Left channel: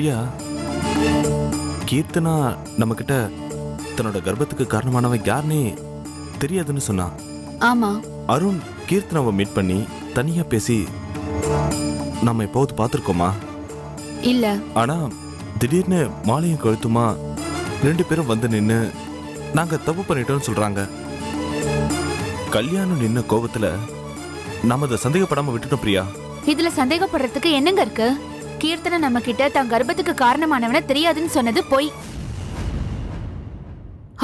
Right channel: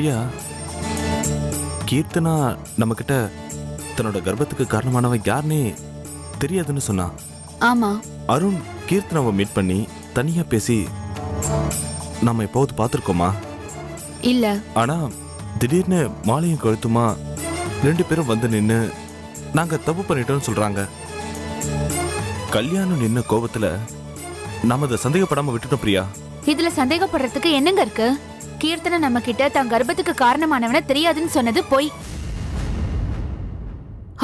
பிரியா, கீர்த்தனா நம்ம கிட்ட தன்னோட கர்ப்பத்துக்கு காரணமானவன் யாருன்னே தெரியாதுன்னு சொன்னா. ஆமா. அருண் கீர்த்தனாவை மீட் பண்ணி தனியா பேசி நம்ம எப்போது பார்த்துருக்கோமா? இல்ல. ஆனா திடீர்னு மாலையும் கழுத்துமா 2 பேரும் வந்து நின்று நாங்க தப்பு பண்ணிட்டோம்னு சொல்றாங்க. கல்யாணம் நின்ன கோபத்துல நாம அதை சந்தேகப்படாம விட்டுட்டோம் பிரியா. இதுல சந்தேகப்படுறதுக்கு என்னங்க இருக்கு? கீர்த்தனை நம்ம கிட்ட தன் கர்ப்பத்துக்கு காரணமானவன தெரியாதுன்னு சொன்னது பொய்.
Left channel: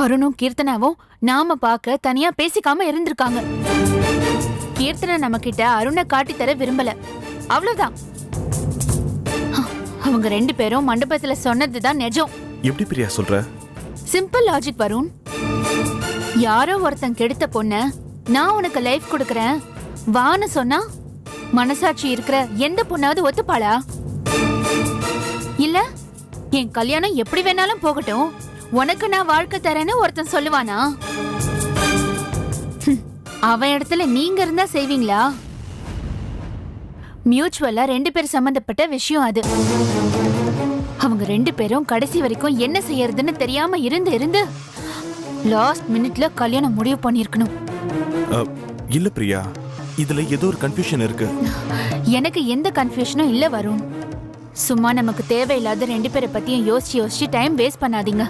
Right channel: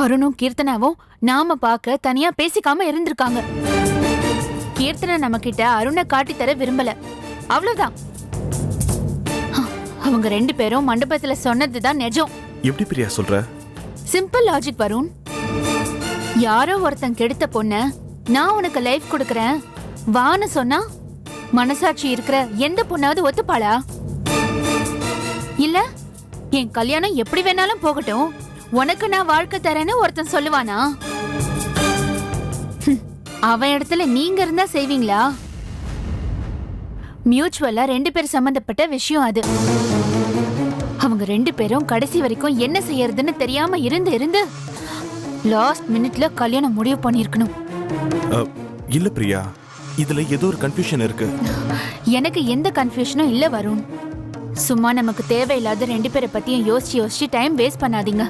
அருணும் கீர்த்தனாவும் நாம பார்க்க தனியா பேசிக்காம இருந்திருக்காங்க. கீர்த்தனை நம்ம கிட்ட அருணை காட்டித்தர விரும்பல, அவ்வளவுதான். அவங்க 2 பேரும் மண்டபத்துல சொன்னதுதான் நிஜம். எப்படி பிரியா சொல்ற? Simple logic Varun. யாரோ ஒருத்தன் கெடுத்த பொண்ண நான் உனக்கு லைஃப் கொடுக்கறேன் வான்னு சொன்னா மனசாட்சி இருக்கிற எந்த பொண்ணாவது ஒத்துப்பாளா? இல்ல என் கல்யாணம் எப்படி வேணாலும் போகட்டும், உனக்கு நான் வாழ்க்கை தரேன்னு ஒருத்தன் சொல்லுவானா? அவன் இடத்துல நீங்க இருந்தா செய்வீங்களா? மியூச்சுவலா 2 பேர் சம்பந்தப்பட்ட விஷயம் அது. அவங்க 2 பேரும் கடைசி வரைக்கும் என்ன செய்யறதுன்னு தெரியாம இருந்து லாஸ்ட் மினிட்ல கல்யாணம் முடிவு பண்ணிருக்கணும். இல்ல பிரியா, இதுல ஏதோ ஒரு கன்ஃபியூஷன் இருக்கு. எனக்கு எந்த கன்ஃபியூஷனும் இல்ல வருண். சும்மா நமக்கு தேவையில்லாத 2 பேரை பத்தியும் யோசிச்சு டைம் வேஸ்ட் பண்ணாதீங்க.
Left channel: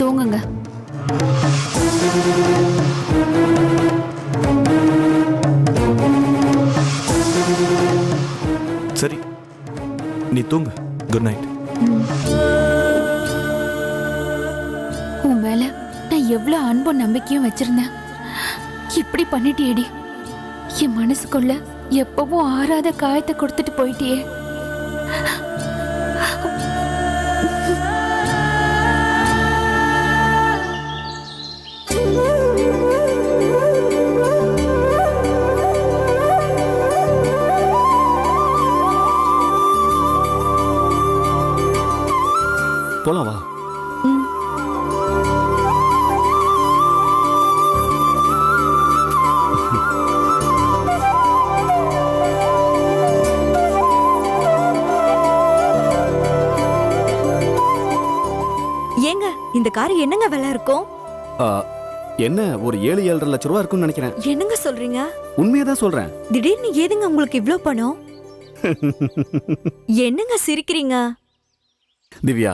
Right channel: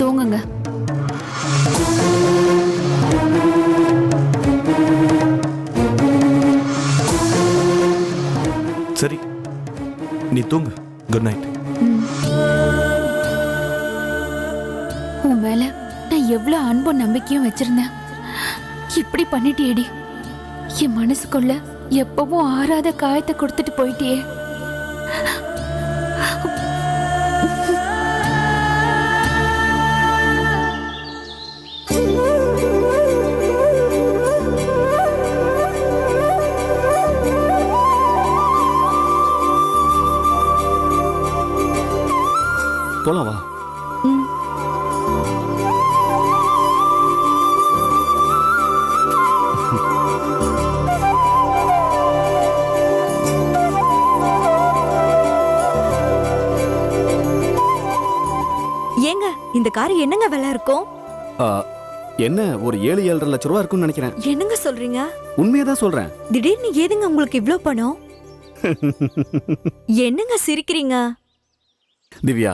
தூங்குங்க. சரி, நீ தூங்கு. Good night. உன் மேல நான் எவ்வளவு அன்பும் நம்பிக்கையும் வச்சிருந்தேன். இப்படி பண்ணிட்டியேடி. என் மனசுக்குள்ள எப்பவும் ஆறாத காயத்தை கொடுத்துட்டு போயிட்டியே. போலாம் வா. ஏங்க இந்த கார் என்னங்க விலை இருக்கும்? என்ன ஒரு 7-7.5 லட்சம் ரூபா இருக்கும்னு நினைக்கிறேன். என்னங்க சொல்றீங்க? உண்மையதான் சொல்றேன். திடீர்னு ஏதுங்க உங்களுக்கு இவ்ளோ பணம்? என்னங்க சிரிக்கிறீங்க? திவ்யா,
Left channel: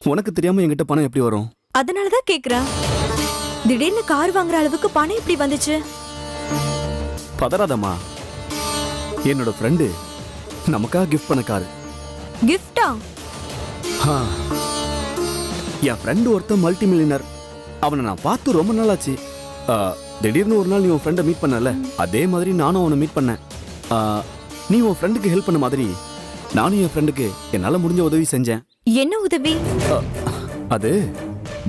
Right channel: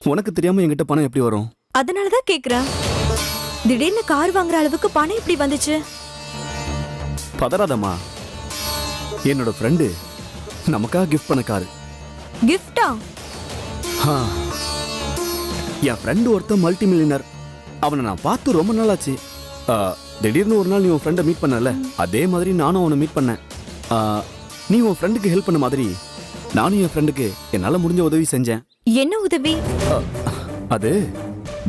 உனக்கு தெரியாம என்கிட்ட பணம் எப்படி வரும்? அதனாலதான் கேக்குறேன். திடீர்னு கார் வாங்குற அளவுக்கு பணம் எப்படி வந்துச்சு? பதறாதம்மா, என்னோட ஃப்ரெண்டு நமக்காக கிஃப்ட் பண்ண காரு. கிஃப்டா? என் ஃப்ரெண்டு ஒருத்தன் மல்டி மில்லியனர். அவனை நான் பார்த்து ரொம்ப நாள் ஆச்சு. திடீர்னு ஒரு நாள் நீ உன் ஃப்ரெண்டை மீட் பண்ணல, அதே மாதிரி நானும் அவனை மீட் பண்ணேன். நீ உன் ஃப்ரெண்டுக்கு ஹெல்ப் பண்ண மாதிரி நானும் என் ஃப்ரெண்டுக்கு என்னால முடிஞ்ச உதவி செஞ்சேன். என்ன உதவி? அது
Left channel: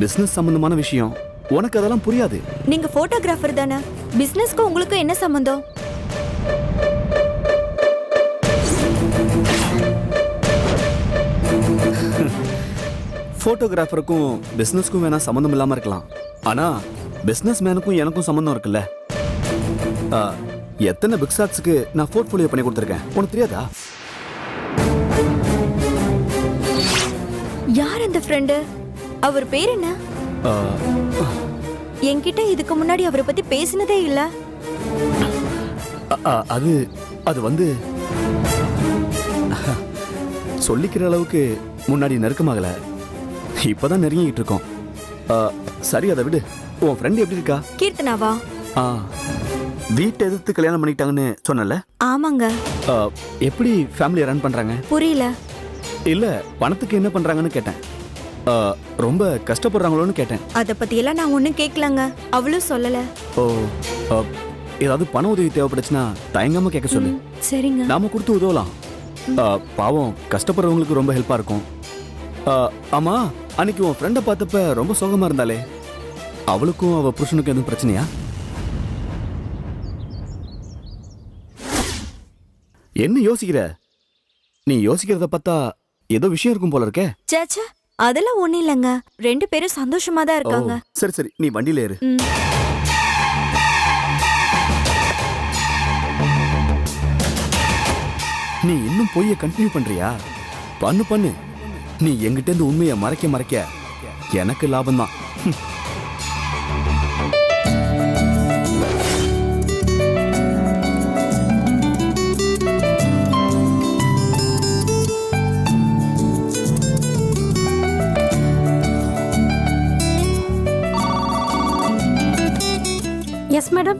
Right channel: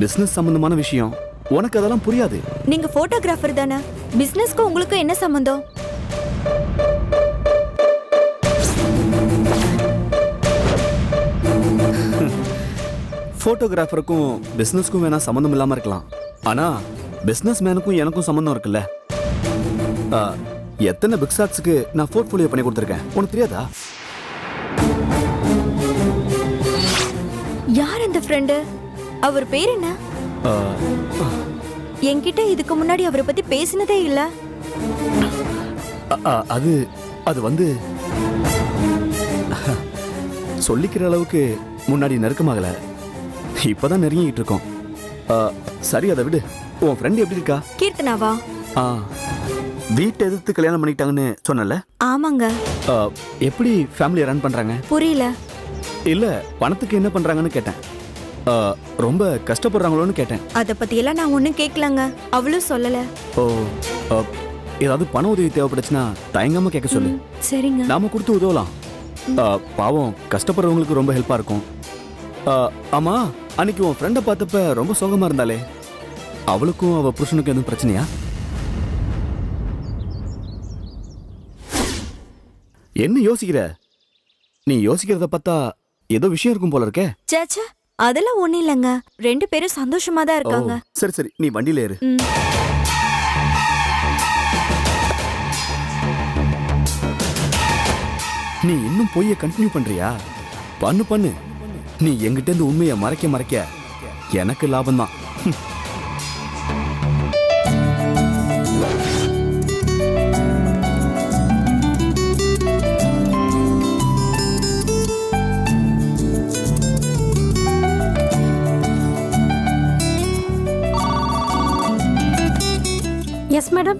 பிசினஸ் சம்பந்தமான விஷயம். உனக்கு அதெல்லாம் புரியாது. நீங்க போட்டோகிராஃபர் தானே? பிசினஸ்க்கு உங்களுக்கு என்ன சம்பந்தம்? போட்டோகிராஃபருக்கும் பிசினஸ்க்கும் வேணா சம்பந்தம் இல்லாம இருக்கலாம். ஆனா பிசினஸ் மேனுக்கும் எனக்கும் சம்பந்தம் இருக்குல்ல. எத்தனை பிக் ஷாட்ஸ்க்கு நான் போர்ட்ஃபோலியோ பண்ணி கொடுத்துருக்கேன், உனக்கு தெரியாதா? யார் அந்த ஃப்ரெண்டு? அவர் பேர் என்ன? என்கிட்ட இதுக்கு முன்னாடி அவரை பத்தி பேசினதே இல்ல. அது அது வந்து சொல்லிக்கிற அளவுக்கு முன்னாடி நெருக்கமாகல, இப்பதான் நெருங்கிட்டு இருக்கோம். சரி, அதை விடு. உன் ஃப்ரெண்ட் எப்படி இருக்கா? கீர்த்தனாவா? வீட்டை எதிர்த்து கல்யாணம் பண்ணிட்டாங்கன்னு சொன்னல? ஆமாங்க. எப்படி ஃபேமிலியை ரன் பண்றாங்க? புரியல. இல்ல, பணத்துக்கு என்ன பண்றாங்கன்னு கேட்டேன். ரொம்ப கஷ்டப்படுறாங்களோன்னு கேட்டேன். அத பத்தி எல்லாம் நான் ஒண்ணும் கேட்கலங்க, அவளும் சொல்லல. ஓ, ஏதாவது பண உதவி தேவைப்படுச்சுன்னா தயங்காம கேட்க சொல்லு. சரிங்க. நாம கொடுத்து உதவலாம். பாவம், கஷ்டப்படுறவங்களுக்கு ரொம்ப ஹெல்ப்பா இருக்கும். ஆமா, அன்னைக்கு உன் ஃப்ரெண்டை பார்த்தப்ப ரொம்ப சோகமா இருந்தாலே, அவளுக்கும் அவ புருஷனுக்கும் எதுவும் பிரச்சனையா? என்ன யோசிக்கிற? நீ யோசிக்கிறத பார்த்தா ஏதோ விஷயம் இருக்கும் போல இருக்கே. சேச்சே, அதெல்லாம் ஒண்ணும் இல்லங்க. 2 பேரும் சந்தோஷமா தான் இருக்காங்க. சரி சரி, நீ வண்டியில ஏறு. நீ இன்னும் பொய்ய கண்டினியூ பண்றியா? பண்ணு பண்ணு. நீ எங்கிட்ட இருந்து உண்மையை மறைக்க மறைக்க எனக்கு லாபம்தான். Yes madam.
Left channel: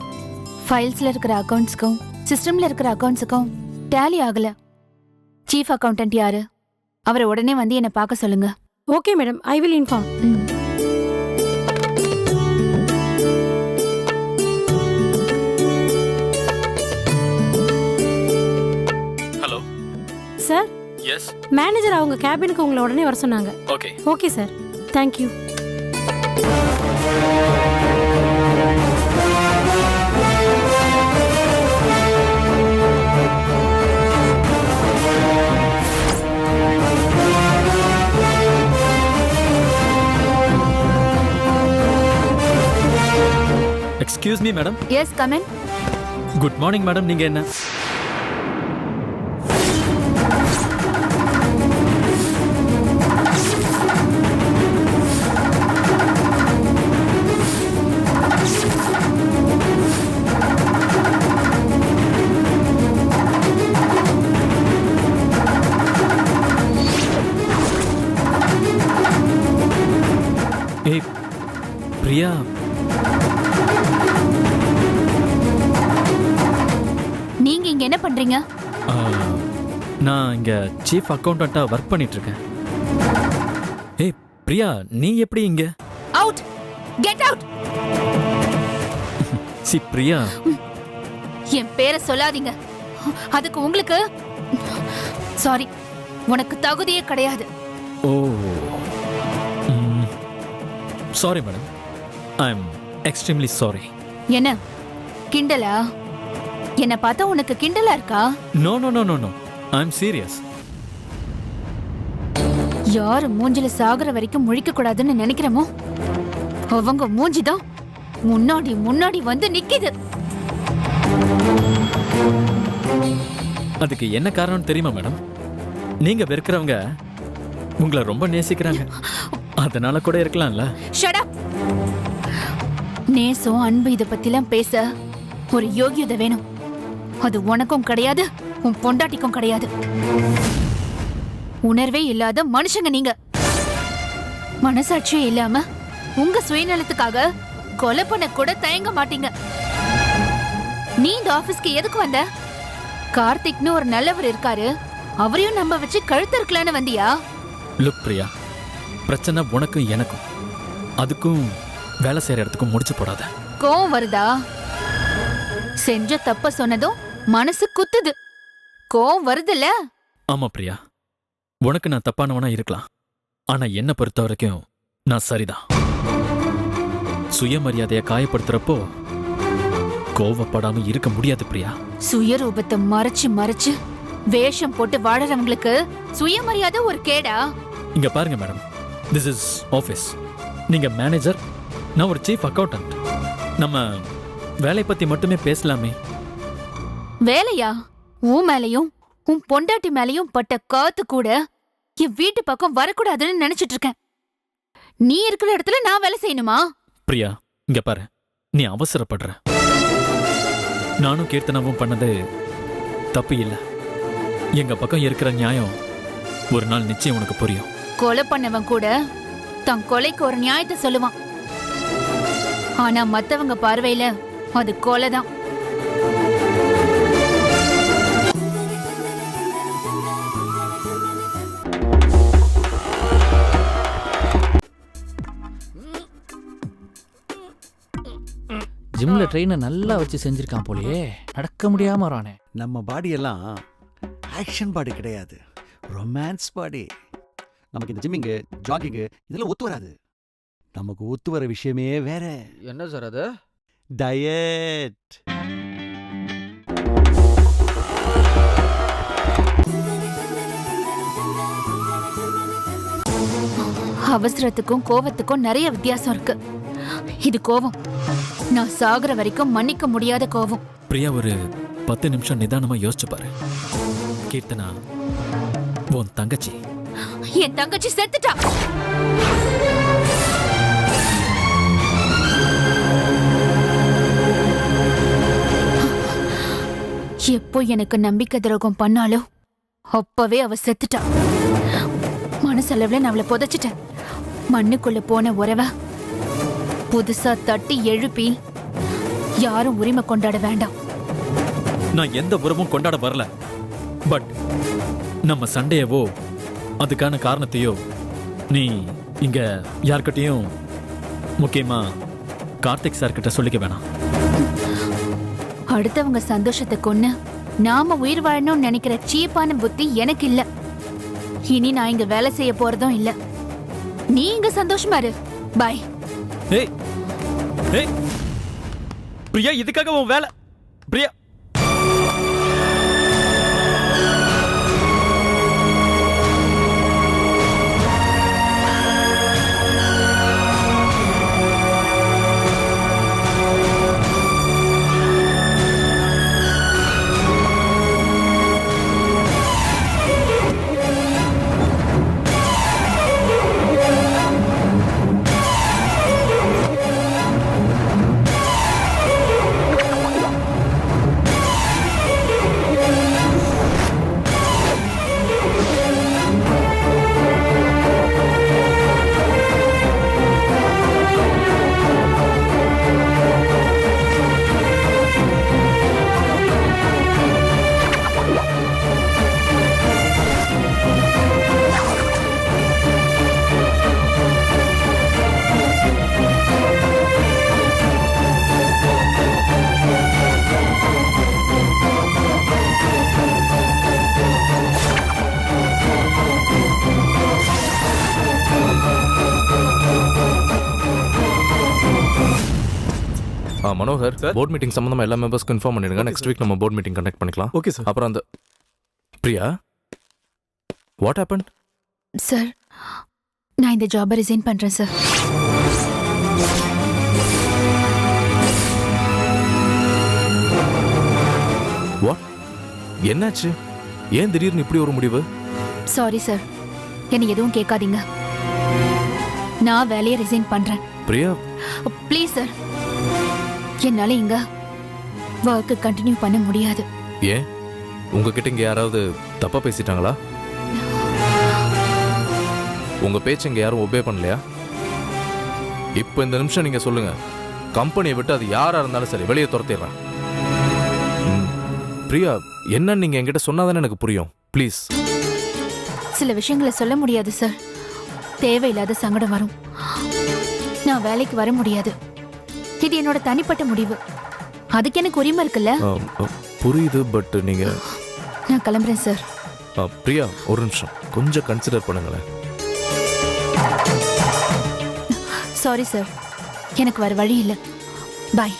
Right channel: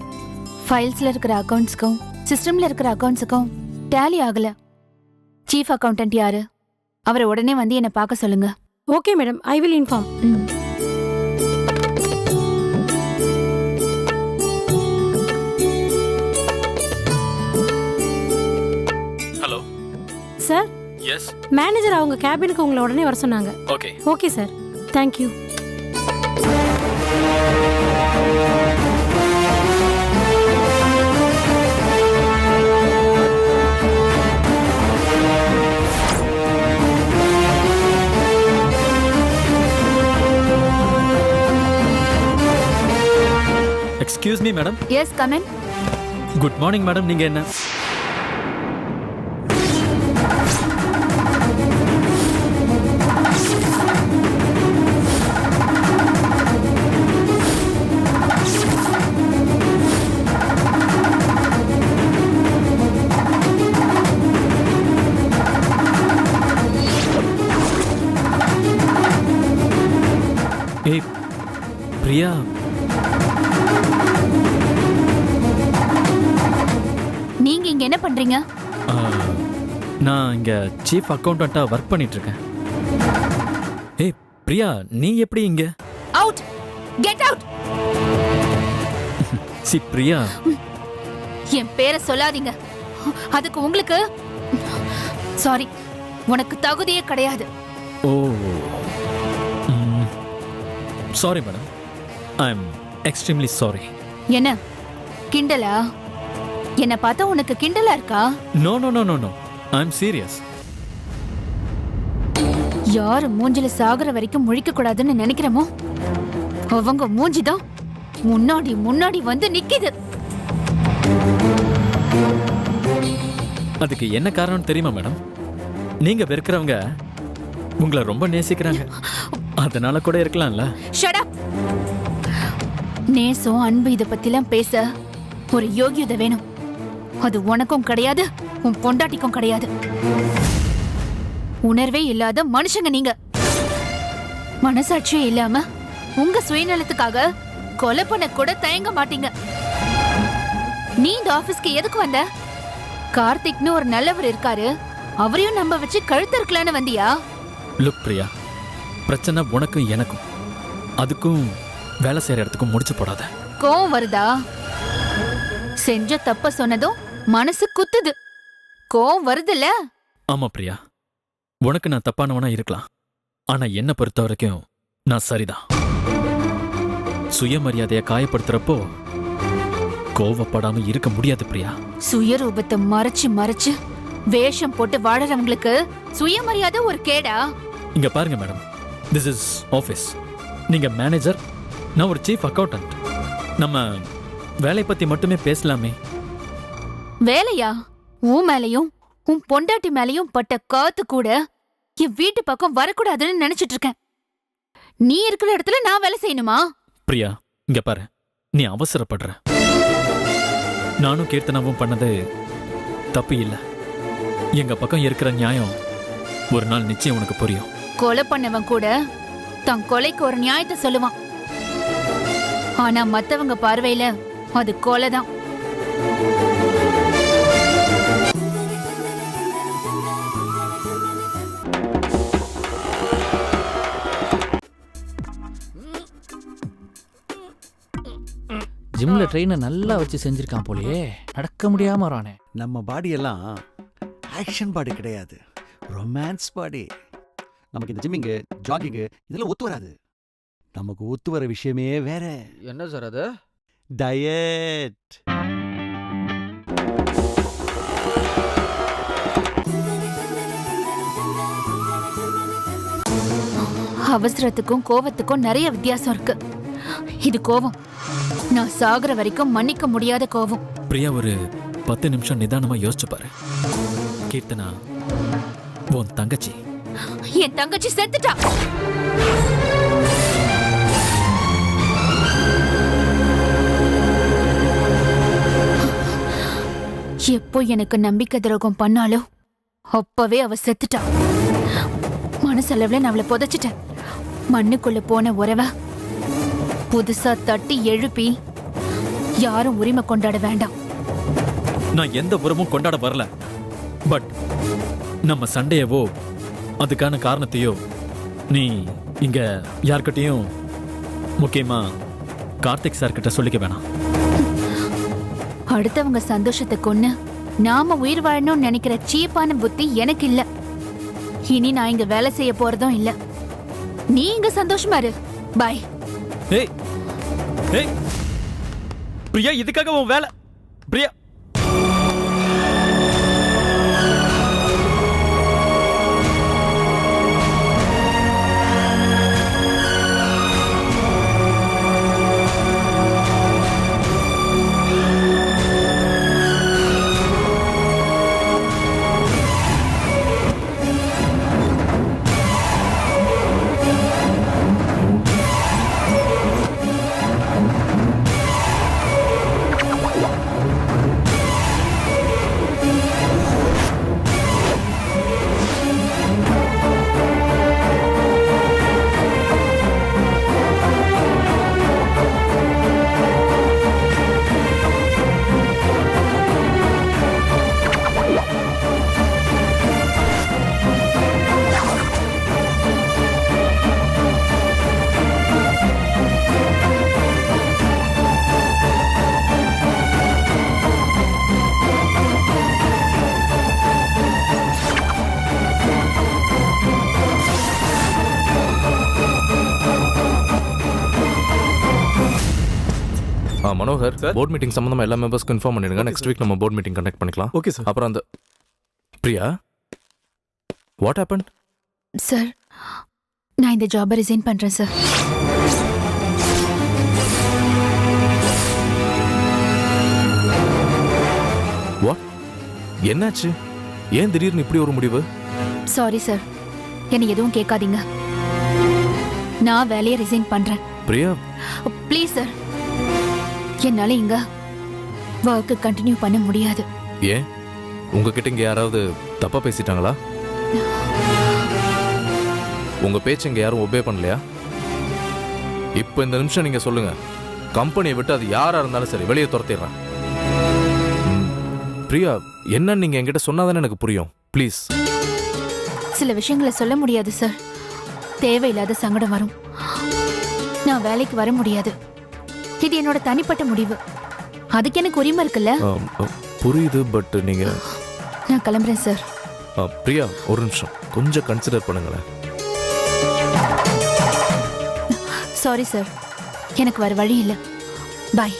ஃபைல்ஸ்ல இருக்கிற அக்கவுண்ட்ஸ்க்கும் சிஸ்டம்ல இருக்கிற அக்கவுண்ட்ஸுக்கும் டேலி ஆகல. சீஃப் அக்கவுண்டன்ட் யாரு? அவரை உடனே வந்து என்ன பார்க்க சொல்லுங்க. Okay madam, I will inform. Hello sir, yes manager அவங்க கேபினுக்கு உங்களை உடனே வர சொன்னாங்க. Okay okay sir, thank you. Excuse me madam. Yes, come in. Good morning madam. நீங்க என்ன ஏய் பிரியா, நீங்க இங்க என்ன பண்றீங்க? நான் இங்க சீஃப் அக்கவுண்டண்டா ஒர்க் பண்ணிட்டு இருக்கேன். ஏய் பிரியா, நீ எப்படி இங்க? Out, get out. சி பிரியா, என் பேரை சொல்லாதீங்க. அதுக்கு உங்களுக்கு சாரி, உனக்கு தகுதியே கிடையாது. Oh sorry madam, I am extremely sorry. என்ன கிண்டலா? என்ன பார்த்தா உனக்கு கிண்டலா இருக்கா? No no no no no, I am serious. யாரு மூஞ்சில சாகுற வரைக்கும் முழிக்க கூடாதுன்னு நினைக்கிறமோ அவங்க மூஞ்சிதான் முன்னாடி முன்னாடி வந்து நிக்குது. அதுக்கு என்ன காரணம் தெரியுமா மேடம்? நீங்க வெறுக்கிறவங்க உங்களை ரொம்ப நேசிக்கிறாங்க, அதனால கூட இருக்கலாம்ல. Shut up. நேசம் அன்பு இத பத்திலாம் பேச ஒரு யோகியதை வேணும். அது உனக்கும் கிடையாது, உன் பொண்டாட்டிக்கும் கிடையாது. உணர்வே இல்லாத மனுஷங்க நீங்க. மனசாட்சியே இல்லாம உங்க சுயநலத்துக்காக கொலை பண்ண கூட தயங்க மாட்டீங்க. நீ இந்த ஆபீஸ்க்கு எதுக்கு வந்த? கார்த்திக்னு ஒரு நல்லவர் இருக்காரு, அவரையும் நம்ப வச்சு கழுத்து இருக்கலான்னு வந்தியா? லுக் பிரியா, பிரச்சனை உனக்கும் எனக்கும், அதுக்கும் வேலை செய்யற இடத்துக்கும் முடிச்சு போடாத. கோவம் வருதா? செஞ்ச தப்ப சொன்னதும் மனசு குத்துது. கோவம் வருதுல்ல? ஆமா பிரியா, உனக்கு நான் தப்பானவனா இருக்கலாம், ஆனா என்ன பொறுத்த வரைக்கும் நான் சரிதான். சுயமரியாதைய காயப்படுத்துறப்போ கோவப்படாம இருக்க முடியாது பிரியா. சுயரூபத்தை மறைச்சு மறைச்சு வேஷம் போட்டு வாழறவங்களுக்கு சுயமரியாதை ஒரு கேடா? இங்க பாருங்க மேடம், திஸ் இஸ் ஆபீஸ். நீங்க மேனேஜர், நான் ஒரு சீஃப் அக்கவுண்டன்ட். நம்ம வேலை பத்தி மட்டுமே பேசலாமே. வேலையா? உன் மேலையும் உன் பொண்டாட்டி மேலையும் பட்ட காத்து கூட என் வீட்டு பக்கம் வரக்கூடாதுன்னு நினைச்சிட்டு இருக்கேன். நீ இருக்கிற இடத்துல நான் வேலை செய்யணுமா? பிரியா இங்க பாரு, நீ அவசரப்படுற. நானும் கீர்த்தனாவும் பண்ணது தப்பு இல்ல. எங்க பக்கம் இருக்கிற நியாயம் ஒரு நாள் நிச்சயம் உனக்கு புரியும். கொலை பண்ணவன் கூட தன் கொலைக்கு ஒரு நியாயத்தை சொல்லுவான். ஆனா மத்தவங்க பார்வையில அது கொலைதான். ஜிம்ல ட்ரெயினை நல்லா வச்சு செஞ்சிருக்கான் போலயே, நடக்க முடியாம வரானே. நம்ம பாடியெல்லாம் ஆக்ஷன் பாடி கிடையாது, ரொமான்ஸ் பாடி. நமக்கு இந்த ஜிம்மிங்கு ஜாகிங்கு இதெல்லாம் ஒத்து வராது. நமக்கு ஒத்து வர விஷயமே வேற. என்ன சார் அது? டயட். அவசரத்துக்கும் கோவத்துக்கும் நிறைய வித்தியாசம் இருக்கு. இது கோவம், நான் சாகுற வரைக்கும் மன்னிக்க முடியாத கோவம். பிரியா, ஒரு 10 நிமிஷம் நிதானமா யோசிச்சு பாரு. கீர்த்தனா உன் தங்கச்சி. என் தங்கச்சி செத்துட்டா. எப்போ எனக்கு நம்பிக்கை துரோகம் பண்ணாலோ அப்பவே அவ செத்துட்டா. மனசளவுல நான் அவளை புதைச்சிட்டேன். மண்ணுக்குள்ள போன உறவ புதுசா தட்டி எழுப்பி யாரும் உரிமை கொண்டாட வேண்டாம். நான் எந்த உறவும் கொண்டாட வரல. பட் நம்ம சண்டையவோ அதுக்கான காரணத்தையோ நீ இங்க யார்கிட்டயும், முக்கியமா கார்த்திக் சார் கிட்ட சொல்லிக்க வேணாம். அடுத்தவங்க சந்தோஷத்தை கொன்னு நாம உயிர் வாழணும்னு நினைக்கிற சீப்பான புத்தி எனக்கு இல்ல. இனி நான் இங்க வேலை செய்ய போறதும் இல்ல. நீ இங்க சந்தோஷமா இரு. பாய். ஏய் ஏய் பிரியா, இதுக்காக உன் வேலை? பிரியா, மனோகர், போர்ட் மீட்டிங் சம்பந்தமா எல்லா மெம்பர்ஸ்க்கு இன்ஃபார்ம் பண்ணிடுங்க. நெக்ஸ்ட் வீக் நம்ம போர்ட் மீட்டிங் கண்டக்ட் பண்ணிக்கலாம். Okay sir. அப்புறம் அந்த பிரியா, வாட் ஹேப்பன்? சார், நான் இந்த ஜாபை ரிசைன் பண்றேன் சார். வாட்? என்னாச்சு? ஏன் திடீர்னு இப்படி ஒரு முடிவு? சாரி சார், என்னை எதுவும் கேட்காதீங்க. நான் வேலையை ரிசைன் பண்றேன். பிரியா, ப்ளீஸ் சார், என்னால இங்க ஒர்க் கண்டினியூ பண்ண முடியாது. ஏன் உங்ககிட்ட இங்க யாராவது தப்பா பேசிட்டாங்களா? உங்க பேச்சு இங்க யாரும் ஒபே பண்ணலையா? இப்போ இந்த நிமிஷம் நீங்க சொல்லுங்க, கம்பெனியை விட்டு அது யாரா இருந்தாலும் சரி வெளியே துரத்திடுறேன். பிரியா, என்ன நீங்க என்கிட்ட சொன்னாதானே எனக்கு புரியும். ப்ளீஸ். சில விஷயங்களை சொல்ல முடியாது சார். தேவையில்லாத சங்கடம் வரும். நான் வேலைக்கு வர முடியாது. இது என்னோட தனிப்பட்ட முடிவு. அதுக்கு எனக்கு உரிமை இருக்குல்ல? புரியுது, பட் நீங்க... நான் கிளம்புறேன் சார். பிரியா, ஒரு நிமிஷம் கொஞ்சம் கன்சிடர் பண்ணுங்களேன். சாரி சார், எனக்கு வர வழி இல்லை. பாய்.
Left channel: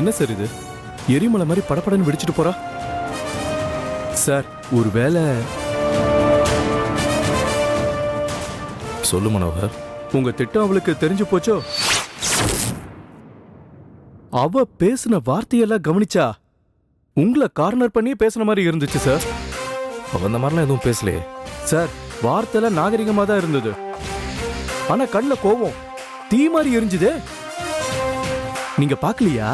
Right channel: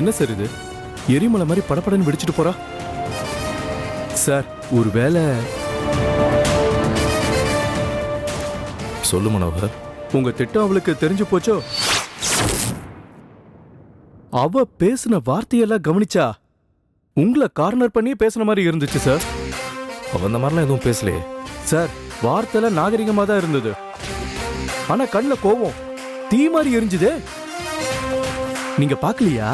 என்ன சார் இது? எரிமலை மாதிரி படப்படன்னு வெடிச்சிட்டு போறா சார். ஒரு வேலை... சொல்லு மனோகர். உங்க திட்டம் அவளுக்கு தெரிஞ்சு போச்சோ? அவ பேசின வார்த்தையெல்லாம் கவனிச்சா உங்களை கார்னர் பண்ணி பேசின மாதிரி இருந்துச்சு சார். அவ அந்த மாதிரிலாம் எதுவும் பேசலையே சார். வார்த்தையெல்லாம் நாகரிகமா தான் இருந்தது. ஆனா கண்ணுல கோவம் தீ மாதிரி எரிஞ்சுதே. நீங்க பாக்கலையா?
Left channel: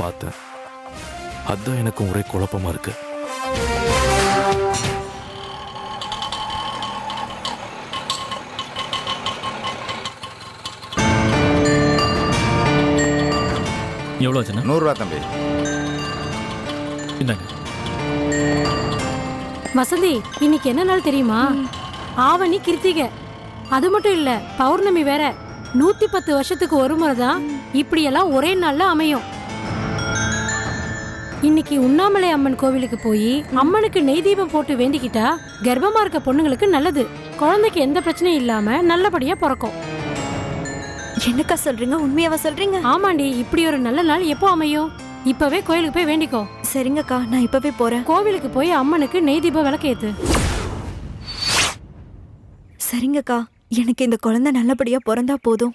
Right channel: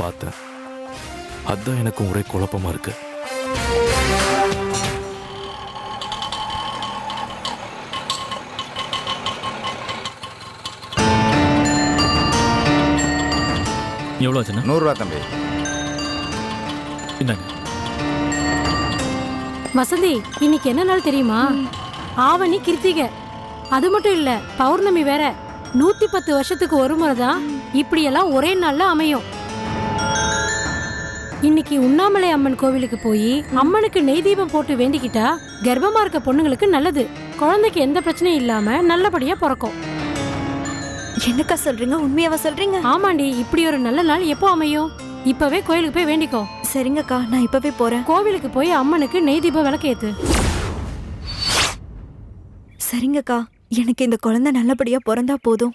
பார்த்தேன். அதான் எனக்கும் ஒரே குழப்பமா இருக்கு. எவ்வளோ ஆச்சுண்ணா? 100 ரூபா தம்பி. இந்தாங்க. வசந்தி, இன்னைக்கு என்ன நாள் தெரியுமா? ஆவணி கிருத்திகை. அது மட்டும் இல்ல, பௌர்ணமி வேற. 110 வருஷத்துக்கு ஒரு முறை தான் இப்படியெல்லாம் ஒரே நாள்ல அமையும். இன்னைக்கு உண்ணாமலை அம்மன் கோவிலுக்கு போய் அம்மனுக்கு நெய் தீபம் போட்டு வேண்டிக்கிட்டா கர்ப்பமா இருக்க பொண்ணுங்களுக்கு நல்லது. குழந்தைக்கு எந்த பிரச்சனையும் இல்லாம நல்லபடியா பிறக்கும். என்னக்கா சொல்றீங்க? உண்மையாவா சொல்றீங்க? ஆமாண்டி, இப்படி ஒரு நல்ல நாள் எப்போ அமையும்? இப்பவே கோயிலுக்கு போய் வேண்டிக்கோ. சரிங்கக்கா, நான் இப்பவே போறேன். கோவிலுக்கு போய் அம்மனுக்கு நெய் தீபம் விளக்கேத்து. சரிங்கக்கா, எனக்கு இந்த குழந்தை நல்லபடியா பிறந்தா போதும்.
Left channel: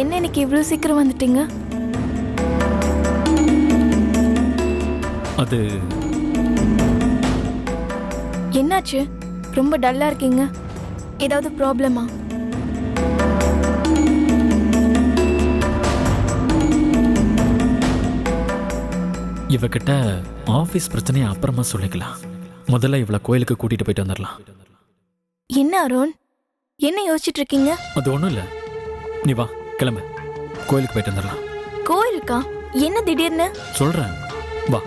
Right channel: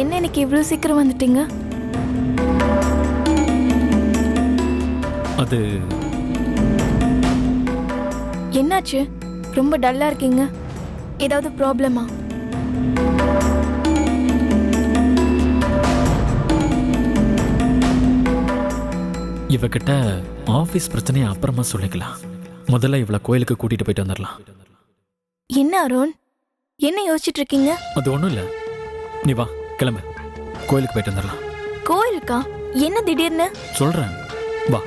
என்ன இன்னைக்கு இவ்வளோ சீக்கிரம் வந்துட்டீங்க? அது என்னாச்சு? ரொம்ப டல்லா இருக்கீங்க. ஏதாவது ப்ராப்ளமா? இவகிட்ட ஆபீஸ் பிரச்சனையை அப்புறமா சொல்லிக்கலாம். முதல்ல இவளை கோயிலுக்கு கூட்டிட்டு போயிட்டு வந்துடலாம். என்ன அருண், என்ன யோசிச்சுட்டு இருக்கீங்க? அது ஒன்றும் இல்லை, நீ வா கிளம்பு, கோயிலுக்கு போயிட்டு வந்துடலாம். கோயிலுக்கா? என்ன திடீர்னு? சொல்றேன், வா.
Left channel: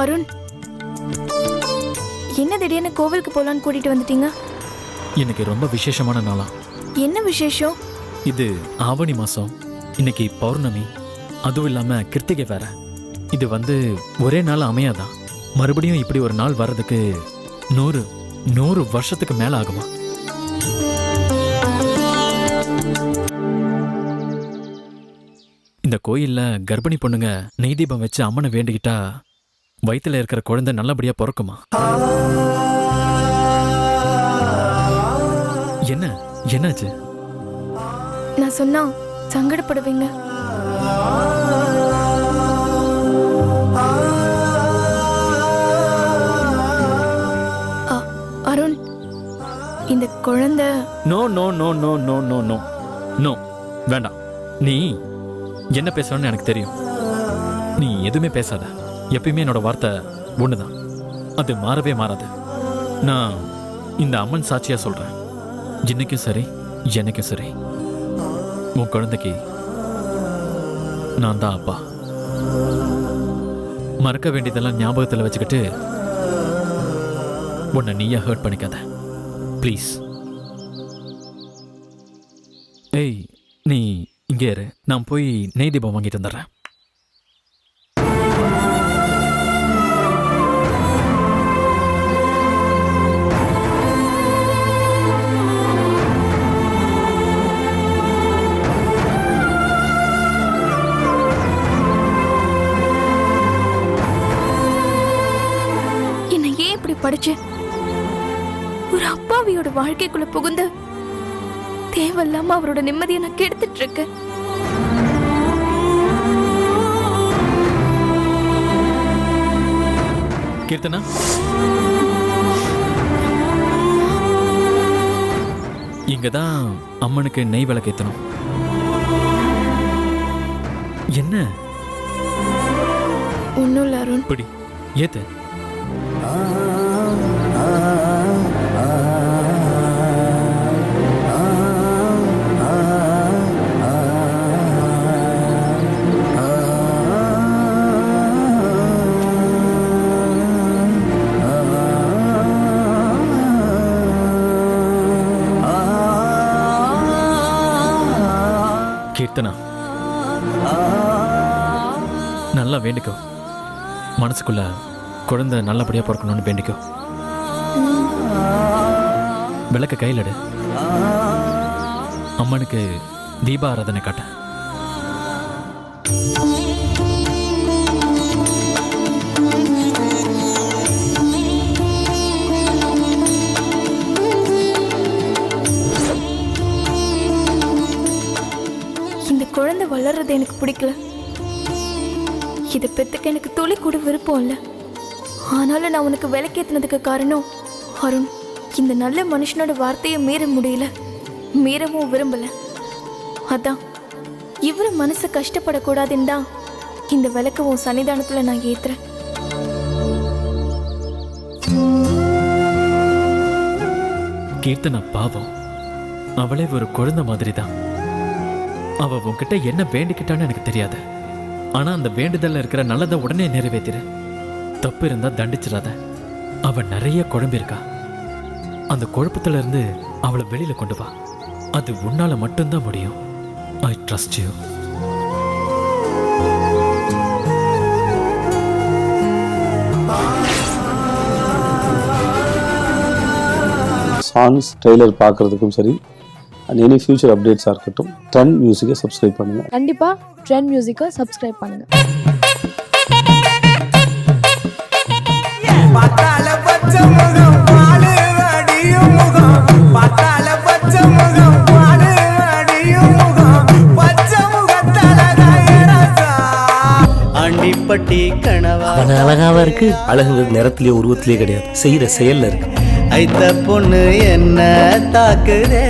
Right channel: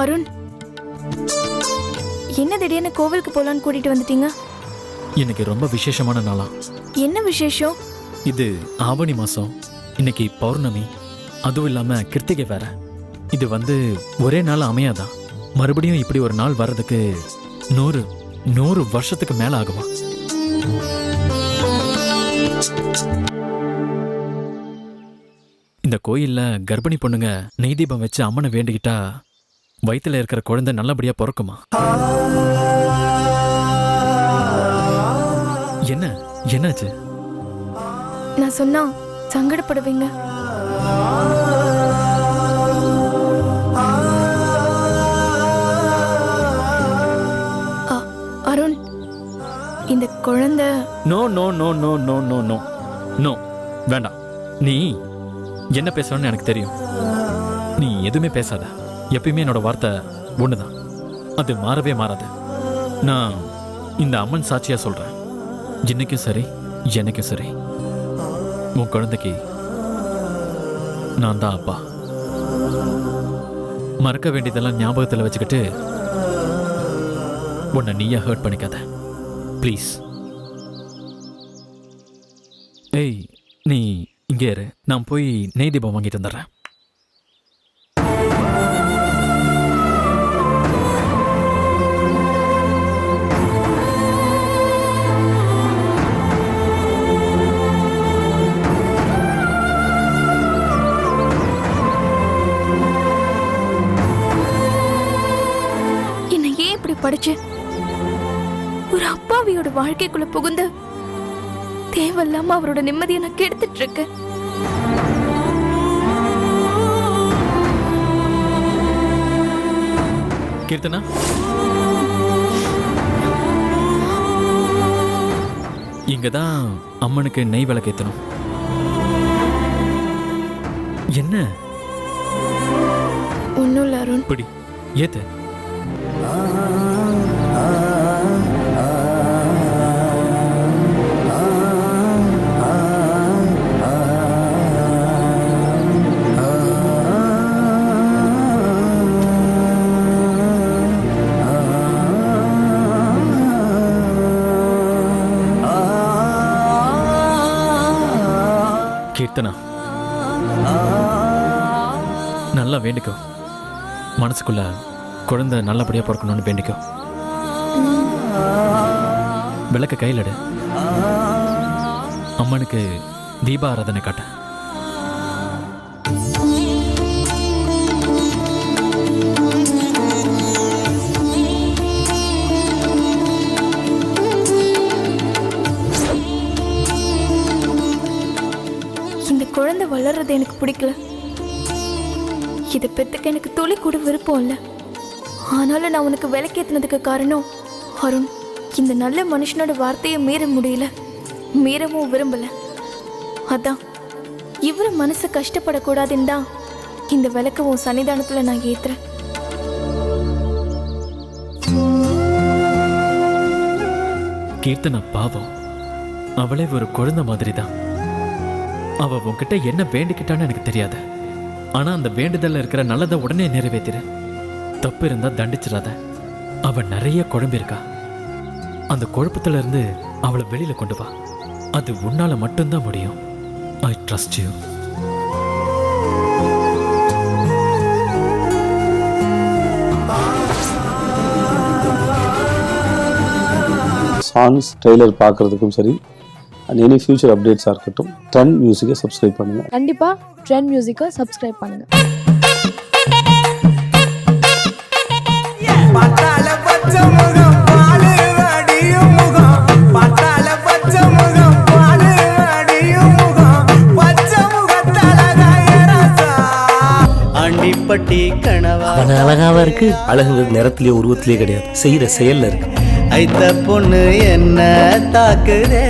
அருண், என்ன திடீர்னு கோவிலுக்கு போலான்னு கூட்டிட்டு வந்துட்டீங்க? இன்னைக்கு ரொம்ப விசேஷமான நாளா. என்ன விசேஷம்? இது ஆவணி மாசம், இன்னைக்கு பௌர்ணமி, அதுவும் இல்லாம கிருத்திகை வேற. இது ஒரே நாள் அமையாதான். மறுபடியும் இப்படி ஒரு நாள் வர்றதுக்கு 100 வருஷத்துக்கு மேல ஆகுமா? இந்த கோயில்ல கர்ப்பிணி பொண்ணுங்க நெய் தீபம் வச்சு அம்மனை வேண்டிக்கிட்டா வயித்துல இருக்கிற குழந்தை நல்லபடியா பிறக்குமா? என்னாச்சு? நான் சொன்னா சங்கடப்படுவீங்க. அருண், இந்த குழந்தை no no no no no no no no வேண்டாம். நீ என்ன பேசணும்னு எனக்கு தெரியும். நீ எதுவுமே பேசாத. எப்பயுமே என்னோட வார்த்தை ஒண்ணுதான், அது மாறவே மாறாது. நான் இந்த அம்மன் சாட்சியா சொல்றேன், இன்னைக்கும் சரி என்னைக்கும் சரி உன் குழந்தைக்கு நான் தான் அப்பா. மறக்க வேண்டியதெல்லாம் ஞாபகத்தில் வச்சுக்கிட்டு உன்னை நீயா ஹர்ட் பண்ணிக்காத ப்ளீஸ். ஏய், நீ இங்கே இரு, நான் போய் நெய் தீபம் வாங்கிட்டு வந்துடுறேன். என்னை ஏன் இப்படி படிச்சு ஒரு அப்பாவியோட வாழ்க்கைக்குள்ள புகுந்து தேவையில்லாம அவரோட நிம்மதியை நான் கெடுத்துட்டு இருக்கேன். கீர்த்தனா, இங்கதான் அம்மனுக்கு நெய் விளக்கேத்தணும். என்ன? ஒன்னும் இல்ல அருண். இப்படி ஏத்து. கீர்த்தனா, நல்லா வேண்டிக்கோ. மனசுக்குள்ள குழந்தை நல்லபடியா பிறக்கணும்னு வேண்டிக்கோ. விளக்க கையில் எடு. அம்மனுக்கு தீப ஆராதனை காட்ட. இந்த குழந்தை வளர்றது எனக்கு பிடிக்கல. இதை பெத்துக்க எனக்கு துளி கூட விருப்பம் இல்லை. ஆனாலும் நான் உனக்கு விளக்கேற்றினதுக்கு காரணம் அருண். இந்த நல்ல மனுஷனோட வார்த்தையை மீற முடியல, மீறவும் விரும்பல. அதான் இவரு மனசு கஷ்டப்படக்கூடாதுன்னு தான் இந்த விளக்க உன் சன்னிதானத்துல நான் ஏத்துறேன். கீர்த்தனா பாவம், அவளே ஒரு குழந்தை மாதிரி தான். அவ உன்கிட்ட என்ன வேண்டிக்கிட்டான்னு எனக்கு தெரியாது. ஆனா அந்த வேண்டுதல்ல இருக்கிற நல்லதை உடனே நிறைவேத்திரு. தப்பு இருந்தா தண்டிச்சிடாத. அவ நிறைய குழம்பிருக்கா. அந்த குழப்பத்துல இருந்து அவளை வெளியில கொண்டு வா. அது உன்னால மட்டும்தான் முடியும். I trust you. Songs trailer பார்க்குறதுக்கும் சரி, அண்ட் எனி ஃபியூச்சர் அப்டேட்ஸாக இருக்கட்டும், ட்ரெண்ட் மியூசிக்கை சப்ஸ்கிரைப் பண்ணுங்கள். கண்டிப்பாக ட்ரெண்ட் மியூசிக்கை சப்ஸ்கிரைப் பண்ணுங்கள். அவன் அழகாவா இருக்கு. அழகுங்கிறது நிறத்திலேயே உருவத்திலேயே கிடையாது, செய்யற செயல்ல இருக்கு. ஐத்த பொண்ணு என்ன தாக்குதே.